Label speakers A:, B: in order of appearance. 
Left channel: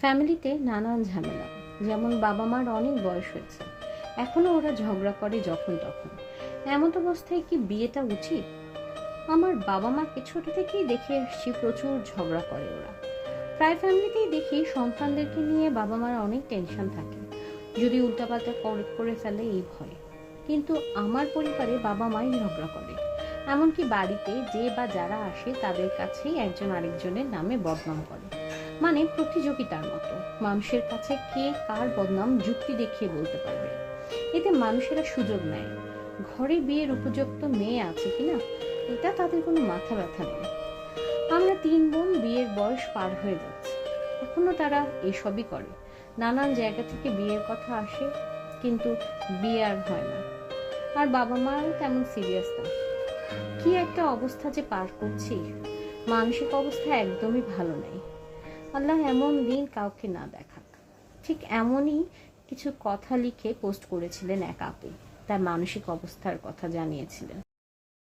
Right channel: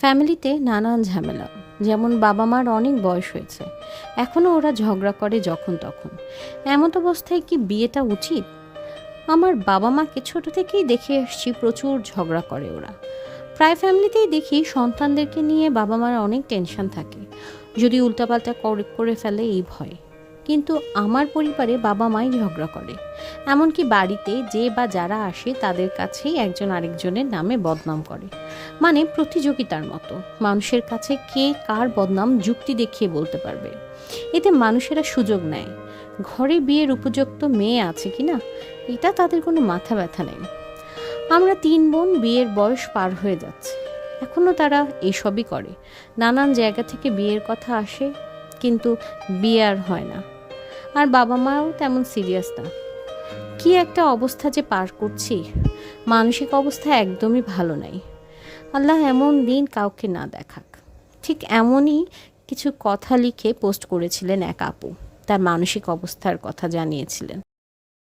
A: ফ্যামিলিতে নানান ঝামেলা, যেমন বাবা মার অনেক বয়স হয়েছে। এখনও ওরা ঝগড়া করে যখন তখন। এমত অবস্থায় কি বিয়েটা উচিত? আমার বাবা মাকে ছোট থেকেই দেখে এসেছি প্রচুর ঝগড়া করে ওরা। প্রায় ফ্যামিলিতেই দেখি সন্তানদেরকে নিয়ে বাবা মার অনেক টেনশন থাকে। যদি উল্টাপাল্টা করে ফেলে এই ভয়। কিন্তু আমার পরিবারে বাবা মাই ঝগড়া করে। এমনকি বাড়িতে যে বা যারা আসে তাদের কাছেই একজন আরেকজনের নামে বদনাম করে। মানে প্রতিযোগিতার মতো। মানুষের কাছে কে কার বদনাম যুক্তি দেখিয়ে বলতে পারবে। এতে মানুষেরা সুযোগ নেয়। ঘরে বিয়ের উপযুক্ত মেয়ে আছে কি না এটা তাদের কোনো মাথা ব্যথা নেই। আমরা তিন বোন বিয়ের বয়স পার হয়ে যাচ্ছে। এখনও তারা এসবই করে। নানান জায়গা থেকে বিয়ের কথা আসে। কিন্তু বিয়ে আর হয় না। আর বাবা মাও তেমন সিরিয়াস না। কি একটা অবস্থা যে পার করছি, মানসিক অবস্থা একদমই ভালো নাই। আল্লাহ এমন দিন কাউকে না দেখাক। ঠিক এমনই কিছু কথা লিখে পোস্ট করেছিলেন এক আপু। তার মানসিক অবস্থার কথা জানিয়েছিলেন।